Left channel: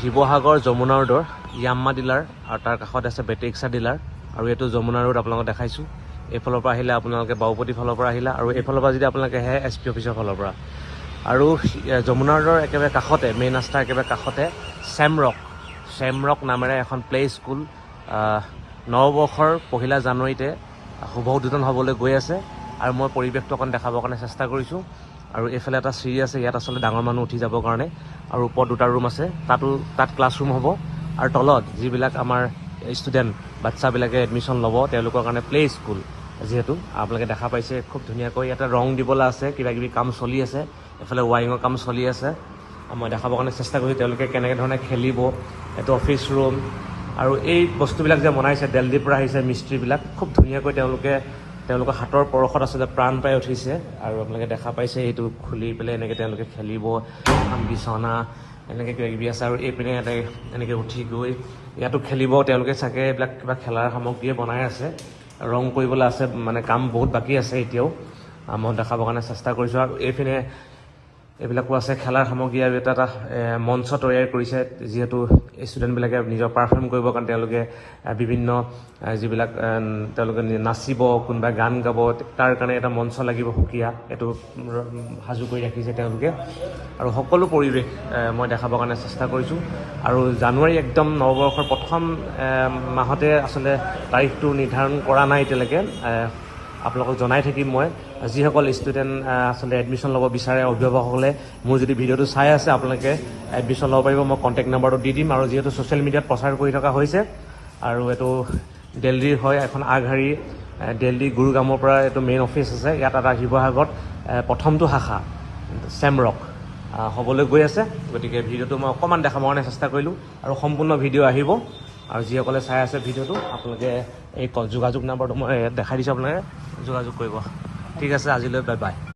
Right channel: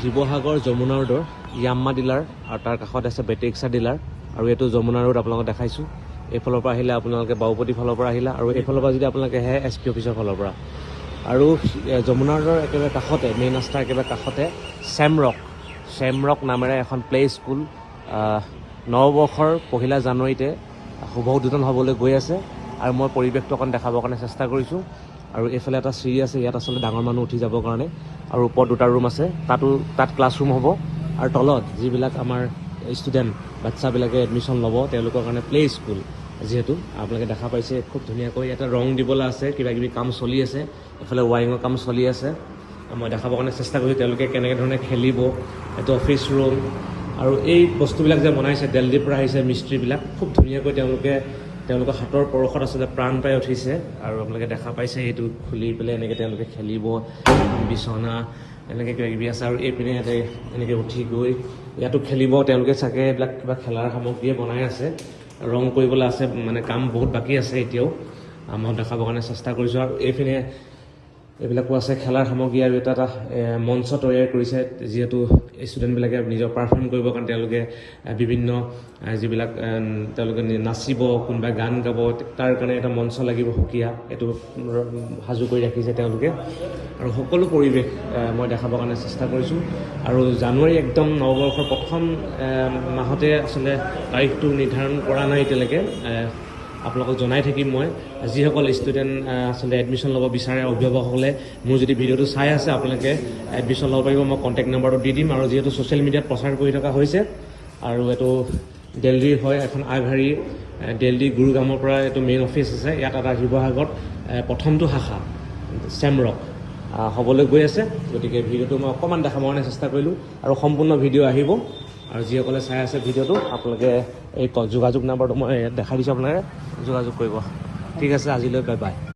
শিৱসাগৰ যমুনা ৰোডৰ ইয়াম্মা ডিলাৰ আৰু তাৰ কাষত আছে বেটেক্সা ডিলাৰ আৰু এইটো যমুনা ৰোড আপোনালোকক দেখাইছোঁ। এইফালৰ পৰা আহিলে আপোনালোকে বাওপতি ফালৰ পৰা আহিলা আৰু এইফালৰ পৰা যদি আপোনালোকে আহে SP অফিচৰ ফালৰ পৰা। আৰু যমুনা ৰোডৰ একেবাৰে কাষতে মেইন ৰাস্তাৰ একেবাৰে কাষতে ছেমৰক নামেৰে এখন প্লে স্কুল নৱবৰ্ষৰ 1 জানুৱাৰীতে শুভ উদ্বোধন হ'বলৈ গৈ আছে আৰু মই পৰিৱেশটো অকণ দেখাবৰ কাৰণে চেষ্টা কৰিছোঁ। আৰু এইফালে এটা চিৰি আছে, ইয়াত আচলতে ডাঙৰ মানুহ উঠি যাবৰ কাৰণে আৰু ওপৰত 2টা ৰুম আছে, তাত ক্লাছৰুম হ'ব আৰু তলত যিবিলাক আমাৰ ষ্টুডেণ্ট বাচ্চাবিলাকে এডমিশ্যন ল'ব তেওঁলোকৰ কাৰণে প্লে স্কুল যিহেতু আপোনালোকে দেখা পাইছে খুব ধুনীয়াকৈ ইয়াতে ৰং দিবলৈ আছে, কিবাকিবি কাম চলি আছে, এইফালে ৱাইৰিঙৰ কাম চলি আছে। মই দেখাবৰ কাৰণে চেষ্টা কৰিছোঁ তেওঁলোকে কেনেকৈ ধৰণে খেলিব। এইটো অফিচ ৰুম আৰু এই বস্তুবিলাক যে বনাইছে দিল্লীৰ পৰা আহিছে মিস্ত্ৰীবিলাক, খুব ধুনীয়াকৈ তেওঁলোকৰ হাতৰ পৰশত আচলতে প্ৰাণ পাই উঠিছে। আৰু আপোনালোকে দেখা পাইছে এইটো খুলি পেলাই এনেকৈ তেওঁলোকে খেলিব, বিচনা এনেকৈ কিবাকিবি আছে আৰু এইপিনে ইয়াতে এনেকৈ উঠি গৈ ইয়াতো খেলিব তেওঁলোকে। চাগে এইবিলাক কিবা খেলাৰ সামগ্ৰীয়ে বনাই আছে, ৰং কৰিবলৈ আছে, মানে কাম বহুত বাকী আছে এতিয়াও। মই দেখাবৰ কাৰণে চেষ্টা কৰিছোঁ। আৰু এইপিনে এইবিলাকো আছে খেলাৰ সামগ্ৰী আৰু এটা মঞ্চ তৈয়াৰ কৰিছে, যিহেতু ষ্টুডেণ্টবিলাকে নিজৰ পাৰফৰ্ম কৰিবৰ কাৰণে তেওঁলোকে বিভিন্ন যিবিলাক তেওঁলোকে নাচিব, কোনোবাই গান গাব, তাৰ কাৰণে এটা মঞ্চ লাগিব সুকীয়া, এইটো সাজু কৰি ৰাখিছে তেওঁলোকে। আৰু সকলো পৰিৱেশ মই দেখাবৰ কাৰণে চেষ্টা কৰিছোঁ। আৰু জানুৱাৰী একদম নৱবৰ্ষৰ প্ৰথম মাহতে আচলতে তাৰিখটো নিৰ্ধাৰণ কৰা নাই এতিয়ালৈকে, আপোনালোকক জনাই থাকিম মই। যিসকল ষ্টুডেণ্ট আচলতে এডমিশ্যন ল'ব বিচাৰে অভিভাৱকসকলে মোৰ যদি ভিডিঅ'টো চাই আছে আপোনালোকে এডমিশ্যন ল'ব পাৰিব, মই কণ্টেক্ট নাম্বাৰটো দি দিম। আৰু যিহেতু ছ'চিয়েল মিডিয়াত প্ৰচাৰ কৰি থকা হৈছে আৰু এইটো দিল্লীৰ হয়, এখন আগশাৰী দিল্লী গুৰুগ্ৰামৰ পৰা এইটো মেইন অফিচ আছে, ইয়াত এটা শিৱসাগৰত প্ৰথমটো শাখা ছেমৰক হ'বলৈ গৈ আছে। গতিকে ভিডিঅ'টো মই অকণমান দেখাবৰ কাৰণে চেষ্টা কৰিলোঁ আৰু সম্পূৰ্ণ ভিডিঅ' আহিব। আৰু যিসকলে চাই আছে ভিডিঅ'টো আপোনালোকে এই যোগাযোগ নাম্বাৰটো মই ইয়াত দেখাই দিছোঁ, আপোনালোকে যোগাযোগ কৰিব। ঠিক আছে, আজিলৈ বাই বাই।